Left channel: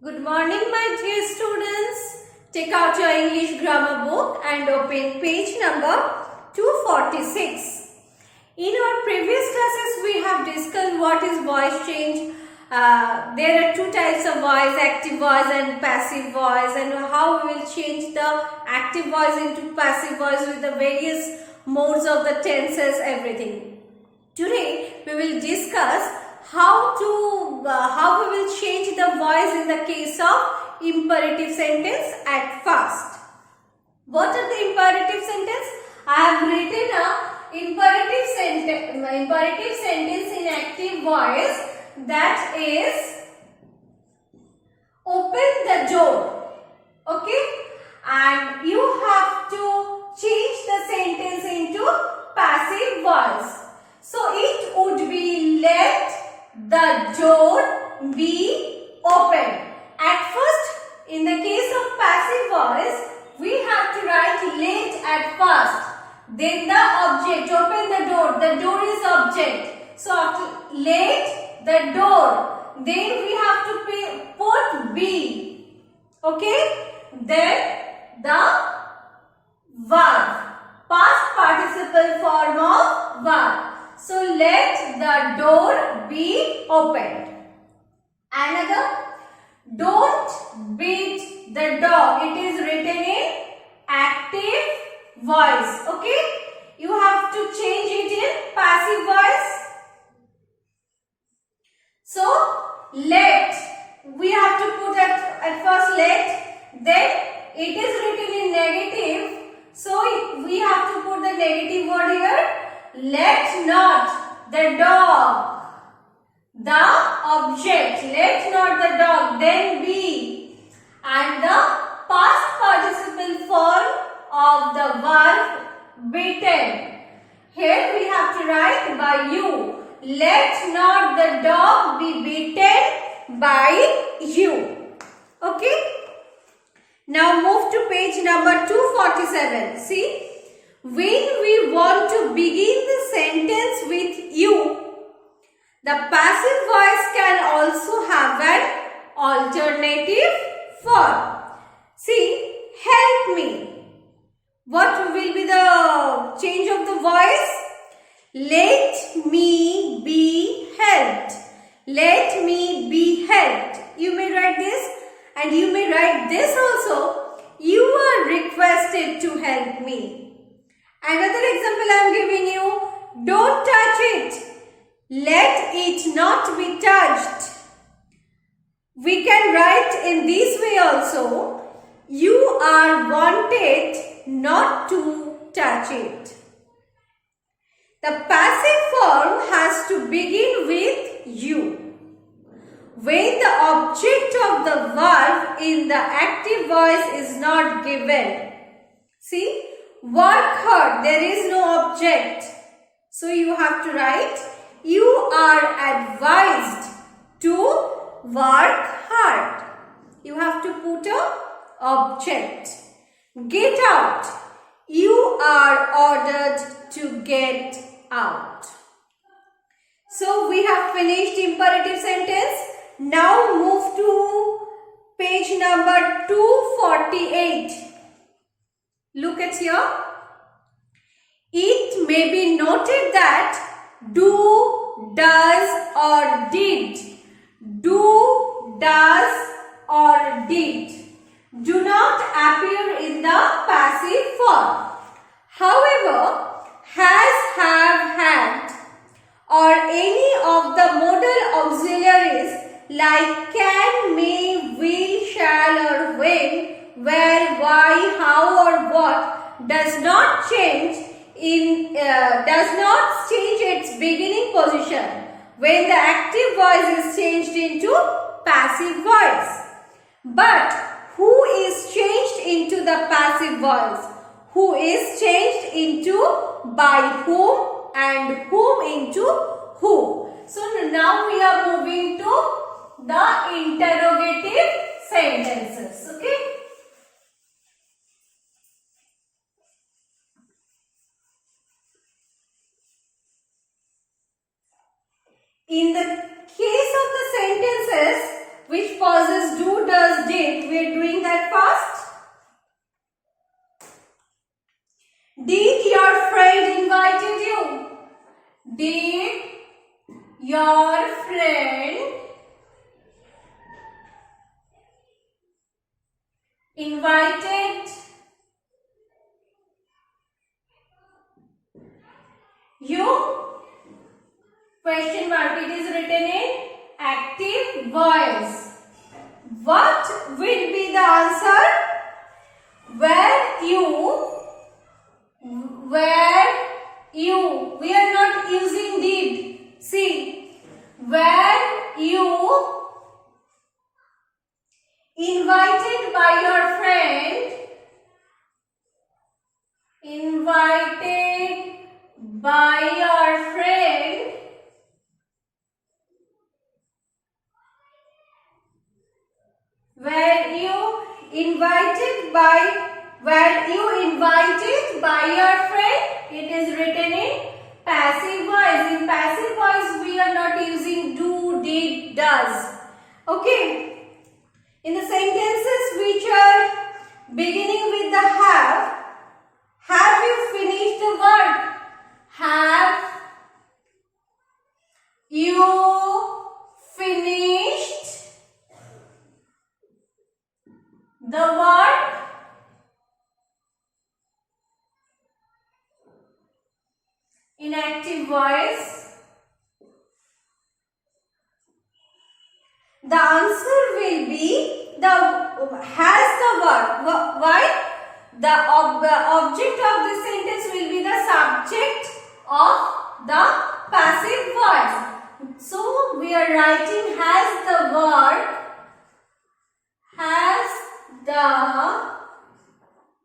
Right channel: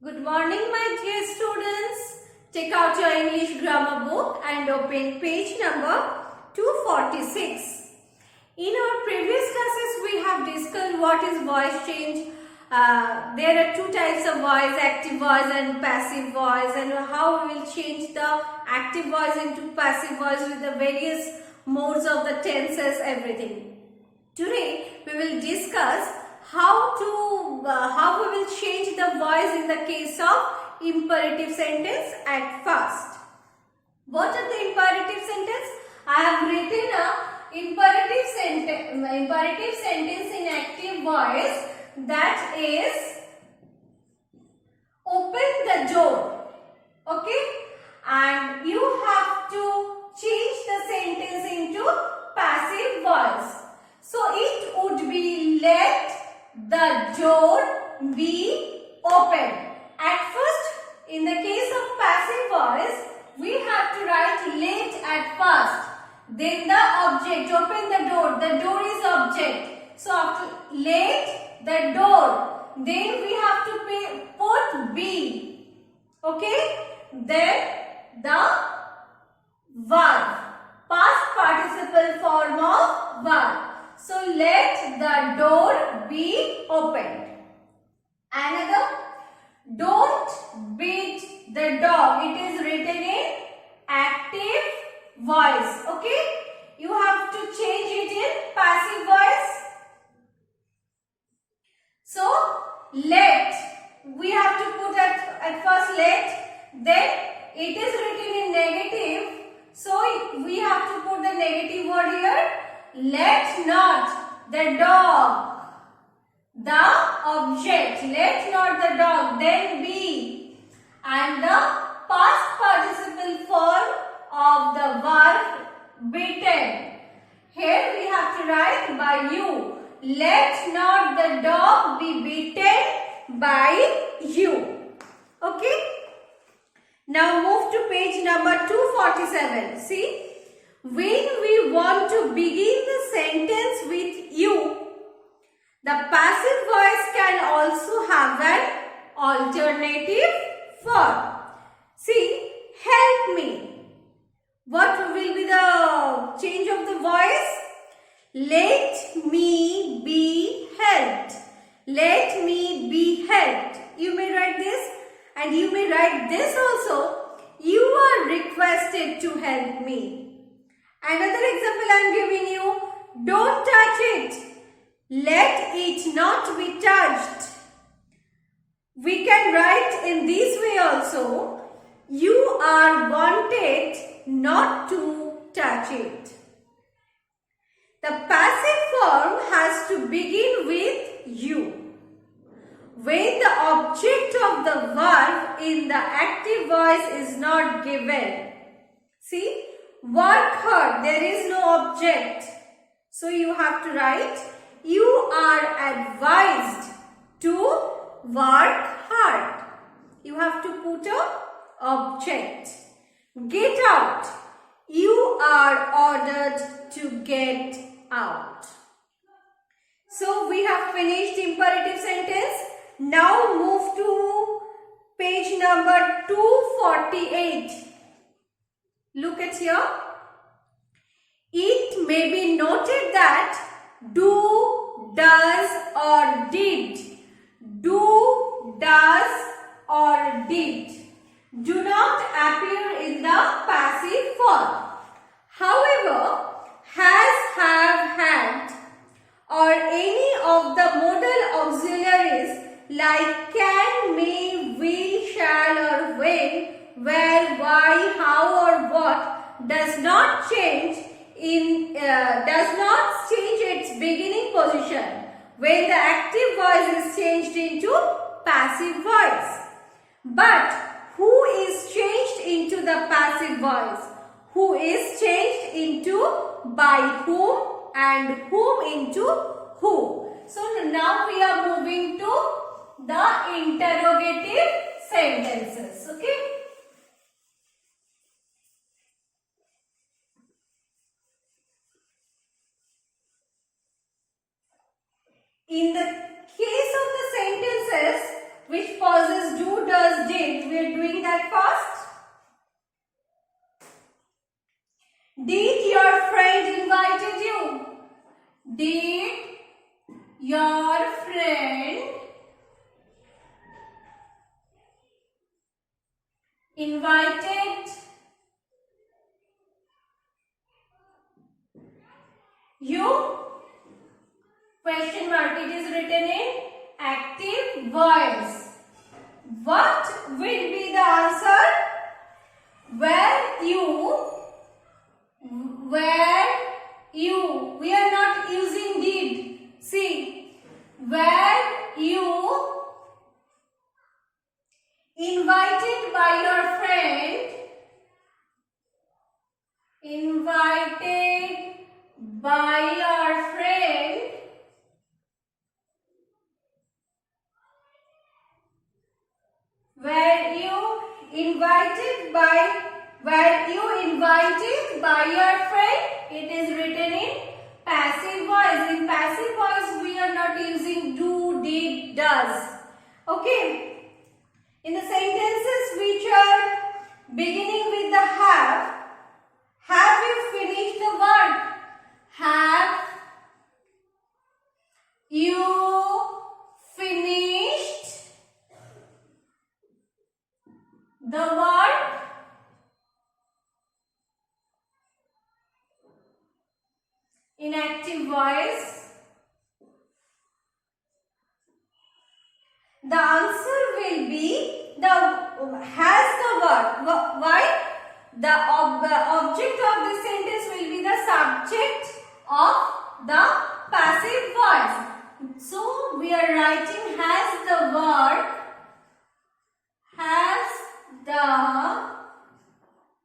Good morning, my dear students. Take out your English grammar book and open page number 246. In our previous classes, we have discussed what is voice change. There are two types of voice, active voice and passive voice, and how we will change the active voice into passive voice with the various modes of the tenses, everything. Today, we will discuss how we will change the voice in the case of imperative sentence at first. What are the imperative sentence? I have written a imperative sentence in active voice, that is open the door. Okay, and you have to change the sentence into passive voice. So it would be let the door be open. At first, in the case of passive voice, we have to write let at first. Then the object, open the door is object. So after let the door, then we have to put be. Okay? Then the verb, past participle form of verb. So let the door be opened. Another, don't beat the dog. It is written in active voice. Okay? You have to change it in passive voice. So let, we have to put at first let, then it is written in negative. So we have to put the negative word here. Let not the dog, the object, let not the dog, then be, and the past participle form of the verb beaten. Here we have to write by you. Let not the dog be beaten by you. Okay. Now move to page number 247. See. When we want to begin the sentence with you, the passive voice can also have an alternative form. See, help me. What will be the change of the voice? Let me be helped. Let me be helped. You may write this, and you may write this also. You are requested to help me. Another example I am giving you. Don't touch it. Let it not be touched. We can write in this way also. You are wanted not to touch it. The passive form has to begin with you. When the object of the verb in the active voice is not given. See? Work hard, there is no object. So you have to write, you are advised to work hard. You have to put a object. Get out, you are ordered to get out. So we have finished imperative sentence. Now move to page number 248. Look at here. It may be noted that do, does or did. Do, does or did do not appear in the passive form. However, has, have, had or any of the modal auxiliaries like can, may, will, shall or when, where, why, how or what does not change its beginning position when the active voice is changed into passive voice. But who is changed into the passive voice? Who is changed into by whom and whom into who. So now we are moving to the interrogative sentences. Okay. In the case of the sentences which possess do, does Did. We are doing that fast. Did your friend invited you? Did your friend invited you? Question mark. It is written in active voice. What will be the answer? Where you. We are not using did. See. Where you invited by your friend. Invited by your friend. Were you invited by your friend? It is written in passive voice. In passive voice, we are not using do, did, does. Okay. In the sentences which are beginning with the have you finished the work? Have you finished the work? In active voice, the answer will be has the verb. Why? The object of the sentence will be the subject of the passive voice. So we are writing has the verb. Has the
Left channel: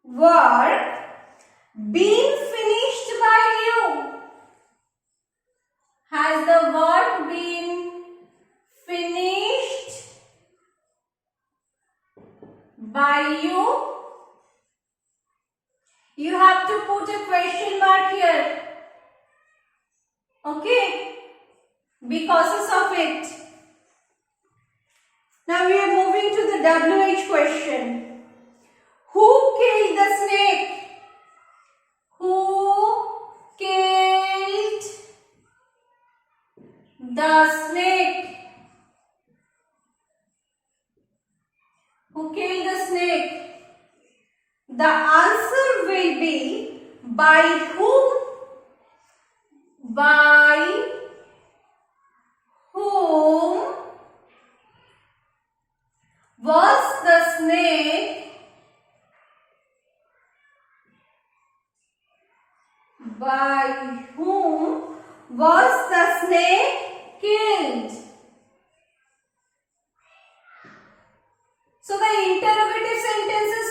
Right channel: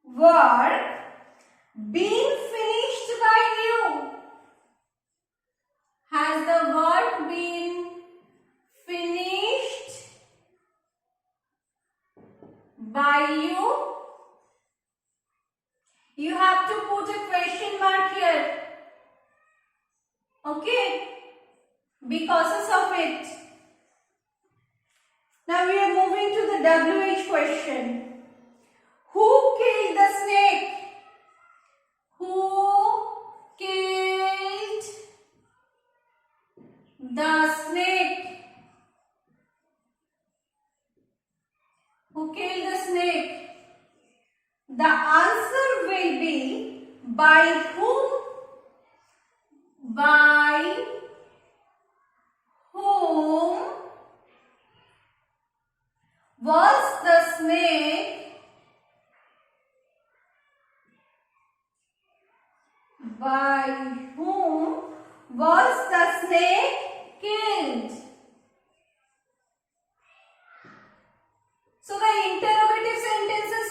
work been finished by you? Has the work been finished by you? You have to put a question mark here. Okay? Be cautious of it. Now we are moving to the WH question. Who killed the snake? Who killed the snake? Who killed the snake? The answer will be by whom? By whom was the snake? By whom was the snake killed? So the interrogative sentences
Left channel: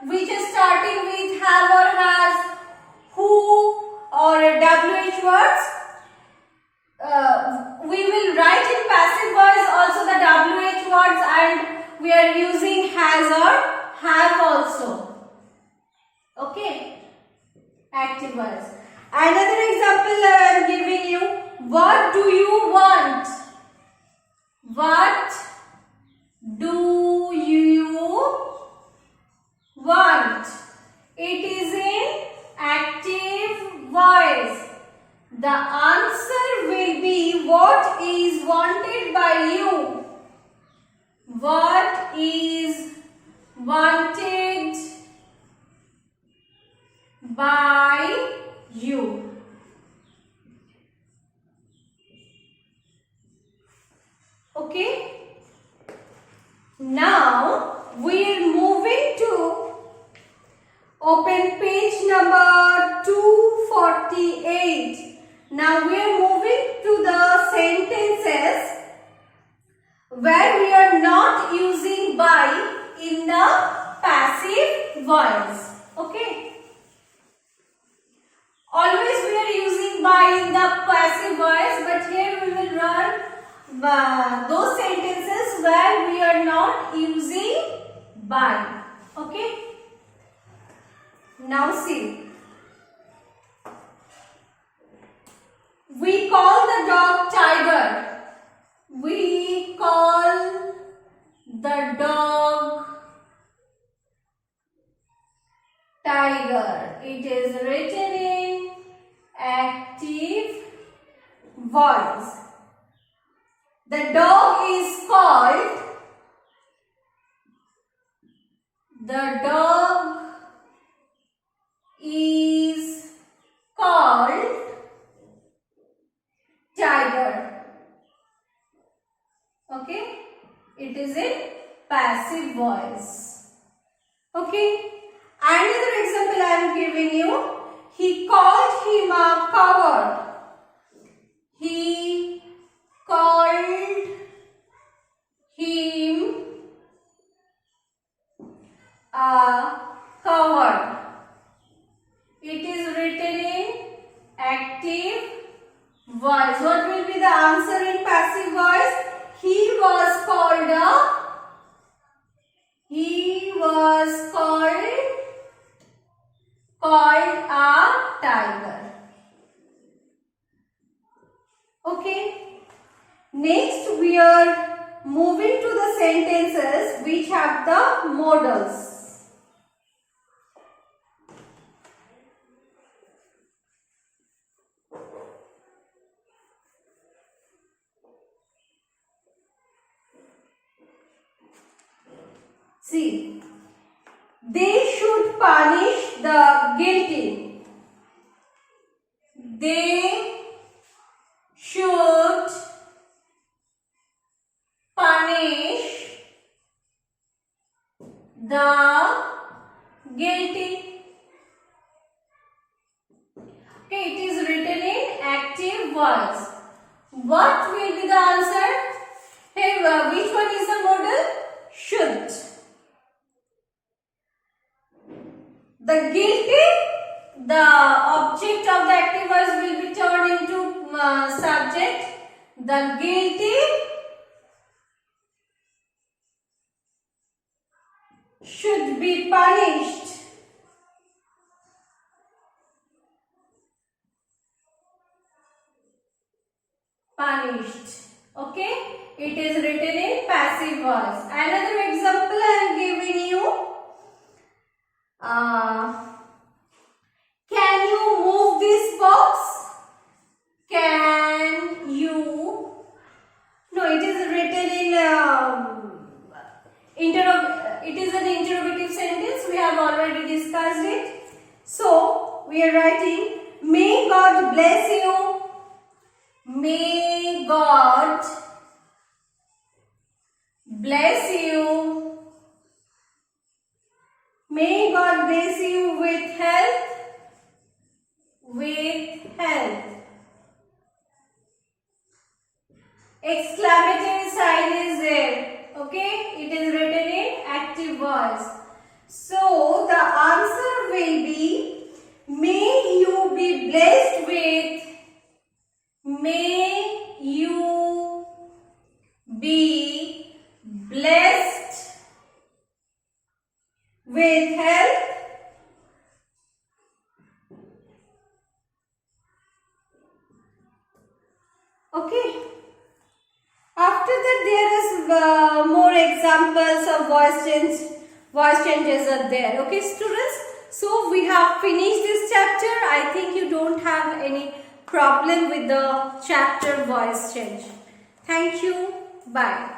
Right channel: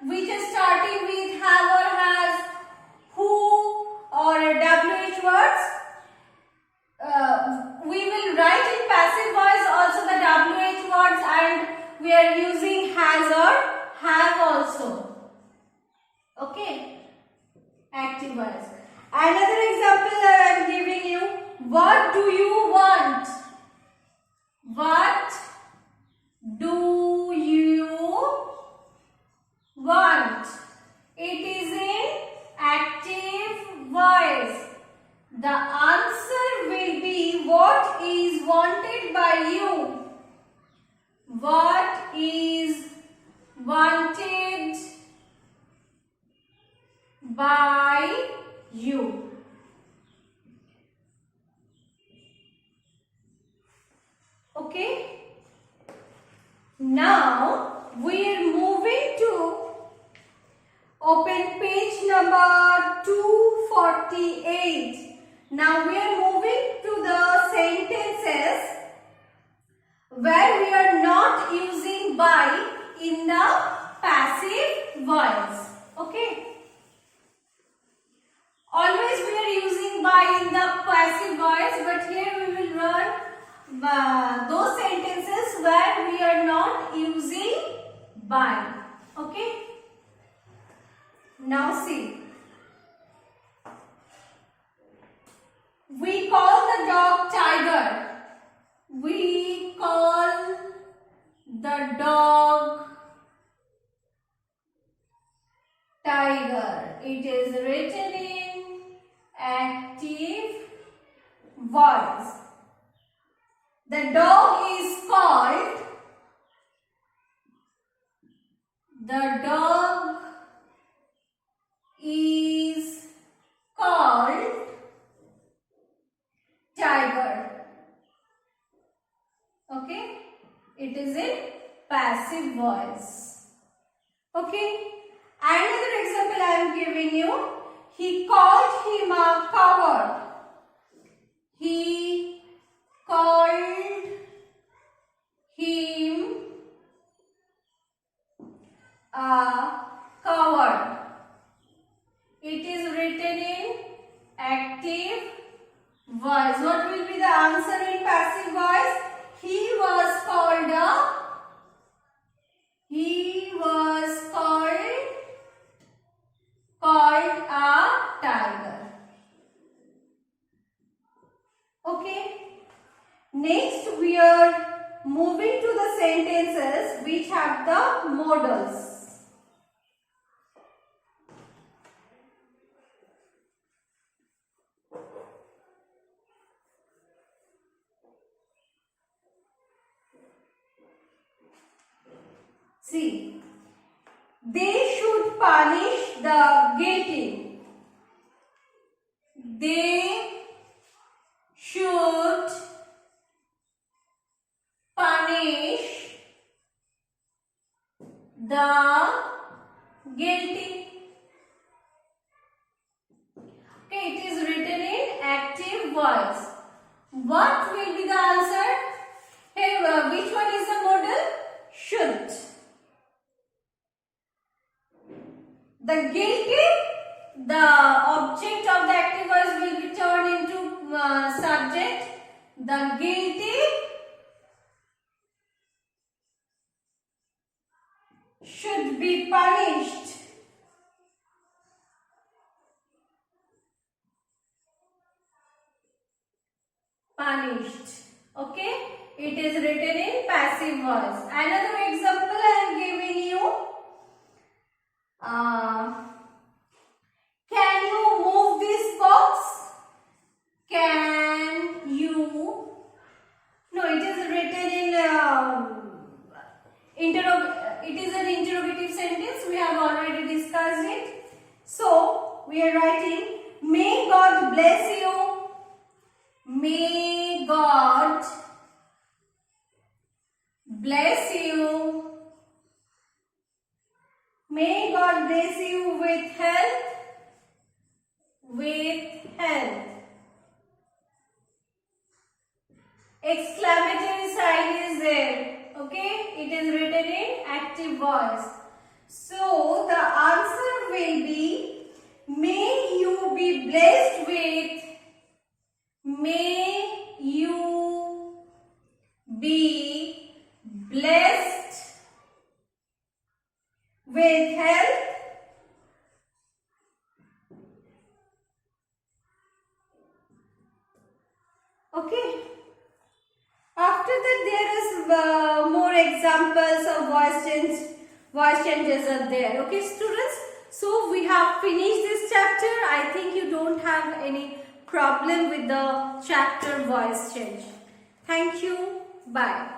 which is starting with have or has, who or WH words, we will write in passive voice also the WH words, and we are using has or have also. Okay, active voice. Another example I am giving you. What do you want? What do you want? It is in active voice. The answer will be what is wanted by you. What is wanted by you. Okay. Now we are moving to open page number 248. Now we are moving to the sentences where we are not using by in the passive voice. Okay. Always we are using by in the passive voice, but here we will run those sentences where we are not using by. Okay. Now see. We call the dog Tiger. We call the dog, tiger. It is written in active voice. The dog is called, the dog is called tiger. Okay, it is a passive voice. Okay, another example I am giving you. He called him a coward. He called him a coward. It is written in active voice. What will be the answer in passive voice? He was called a tiger. Okay. Next we are moving to the sentences which have the modals. See, they should punish the guilty. They should punish the guilty. Okay, it is written in active voice. What will be the answer? Here, which one is the modal? Should. The guilty, the object of the active voice will be turned into subject. The guilty should be punished. Punished. Okay? It is written in passive voice. Another example I am giving you. Can you move this box? Can you? No, it is written in it is an interrogative sentence. We have already discussed it. So we are writing, may God bless you. May God bless you. May God bless you with health. With health. Exclamatory sign is there. Okay, it is written in active voice. So the answer will be, may you be blessed with. May you be blessed with health. Okay. After that, there is more examples of voice changes are there. Okay, students. So we have finished this chapter. I think you don't have any problem with the chapter voice change. Thank you. Bye.